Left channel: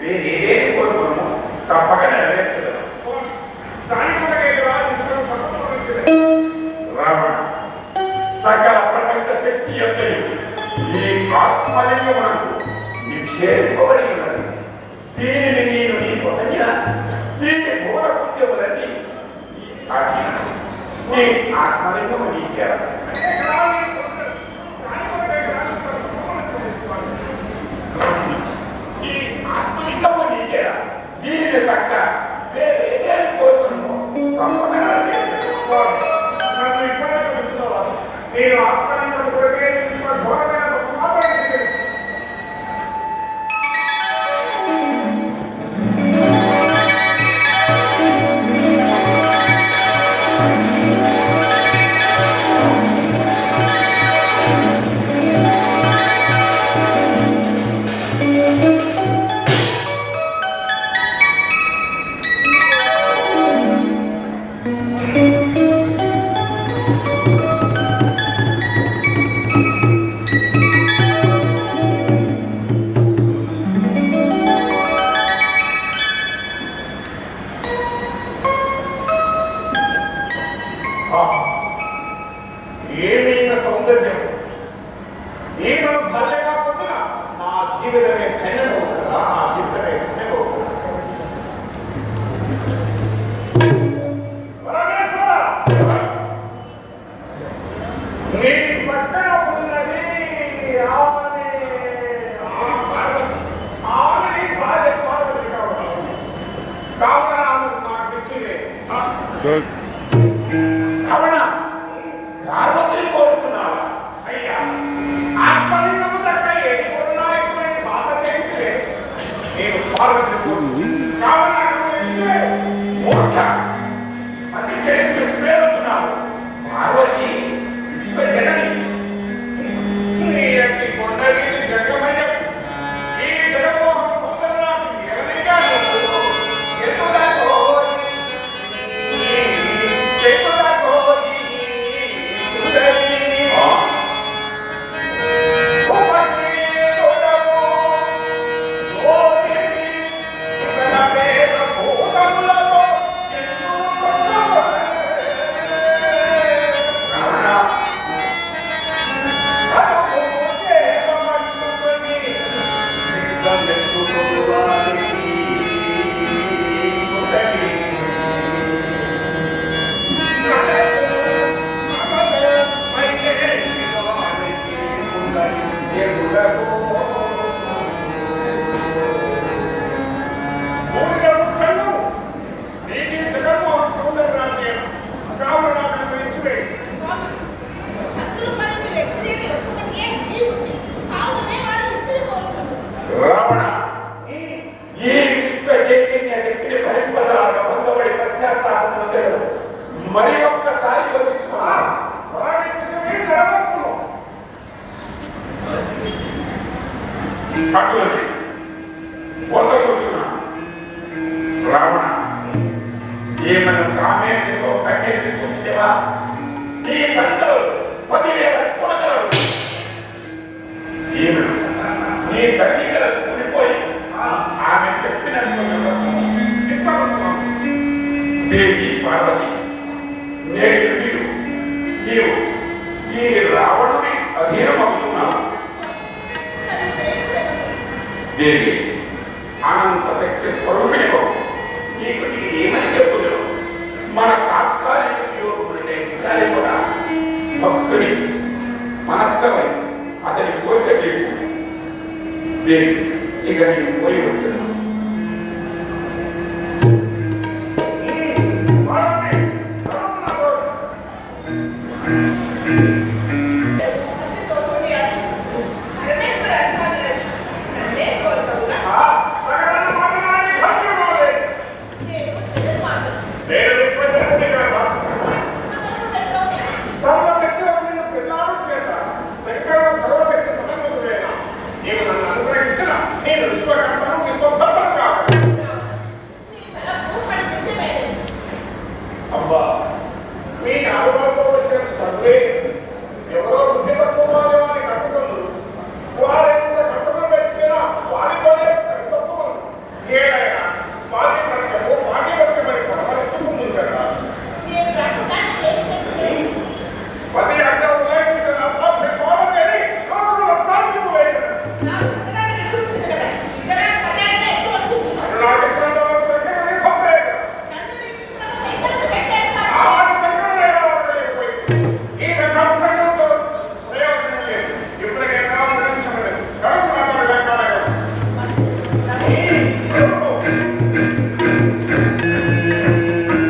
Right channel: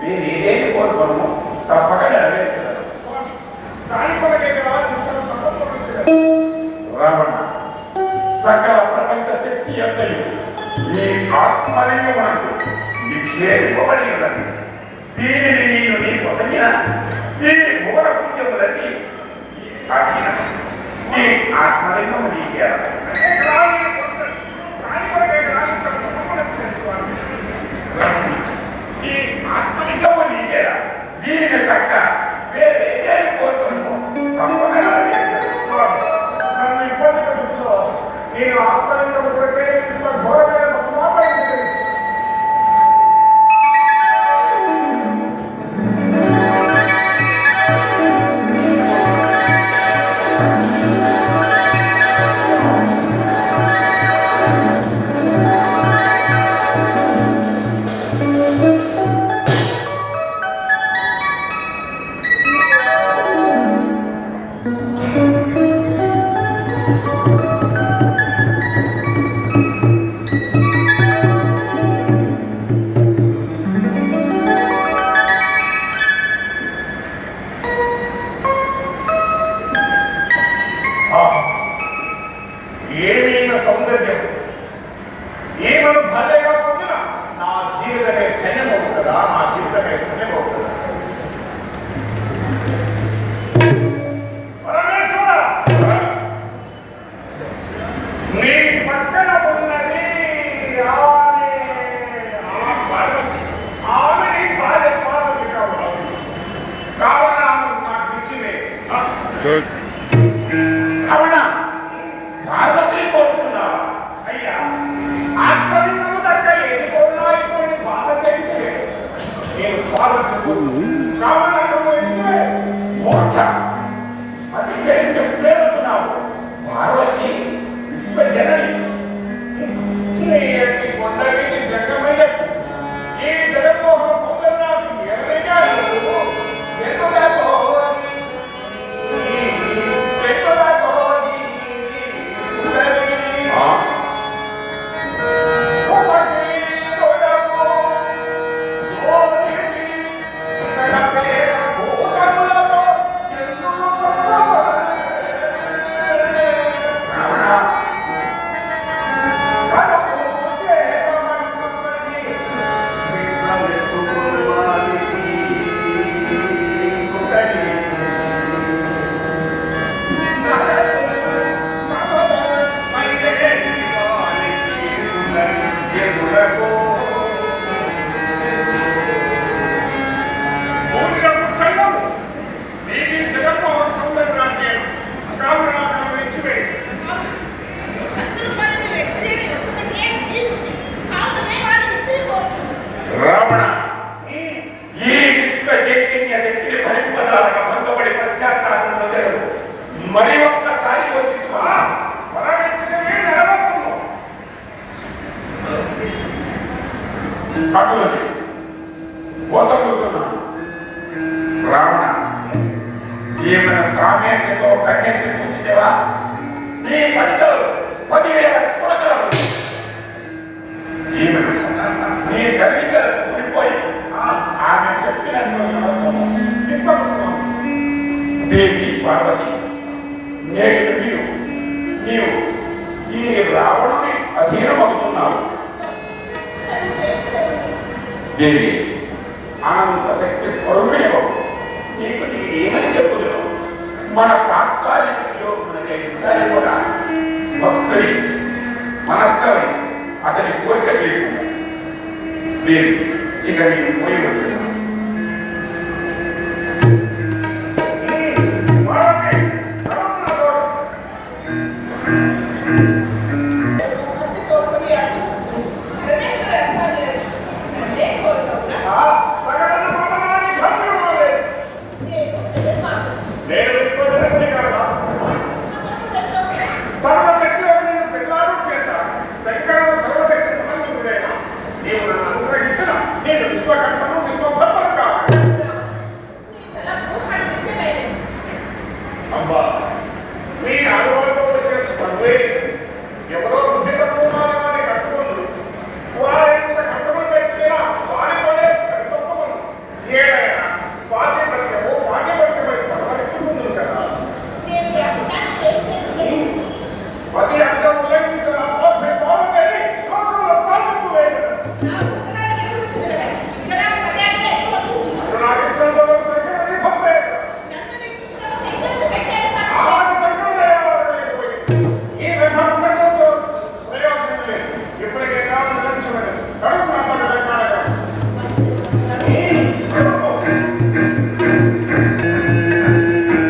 వీరి ఏది కోరుకోను తప్పక నెరవేర్చగలరు. రావణ సకల ప్రపంచ శక్తి ఎంతయు ఈ ఆత్మలింగమునకు నిక్షేపబడి ఉన్నది. దీనిని నేను నీకు సంగిన ఈ భువన పుణ్యములన్నీ ఈ ఆత్మలింగము నీకే ఈ ఆత్మలింగము నీకే. దీనిని తక్క వేరే కోరుకున్నాను నేను ఆత్మలింగములకే ఇంత ఘోరమైన మాట్లాడింది. ఏమైనా సౌందర్యం ఏమైనా భలే కాకుండా నా జీవితమే ధన్యమవుతుందా? నా జీవితమే ధన్యమవుతుందా? నీ పక్కన ఉన్నది ఆమె పార్వతి. ఆమె నీ భార్య పార్వతి కావాలా? నాకు ఇచ్చింది పార్వతిని కోరుతున్నావా? అయ్యా ఆత్మలింగము దగ్గర ఏది కొన్నా ఇప్పుడు భాష చేస్తే నేను పార్వతి అది చేసి ప్రేరుతున్నావు. పార్వతి విశ్వజనని కొండవీటి జగమయ్య ఈ జగమోహన సౌందర్యరాశి ఎవరిగా రావణ ఈ విశ్వ చైతన్య శక్తిని భరింపదాలని భంగపడి పశ్చాత్తాపం మొదలు మరి ఒక్కసారి యోచించుకో. రావణ ఏమైనా కామేచ్ఛతో కన్నెత్తి చూసిదేవా నీ ఫలితాలు 10,000 పుడకలు. నీ తల్లిదండ్రులు ఊడిపోయి ఆమె చెప్పిన చిత్తము దేవి పార్వతి నేడు నీవు ఈ రావణుని అధీనమవుతున్నావు. దేవి అనంత శక్తి స్వరూపిణి నీకు నేను ఏమని చెప్పుదును? మన తాత్కాలిక విచారింపగా భక్తుని మనస్కరని అతని కోరిక లేకుండా దేవి ఇక నేను పోయి వచ్చాను.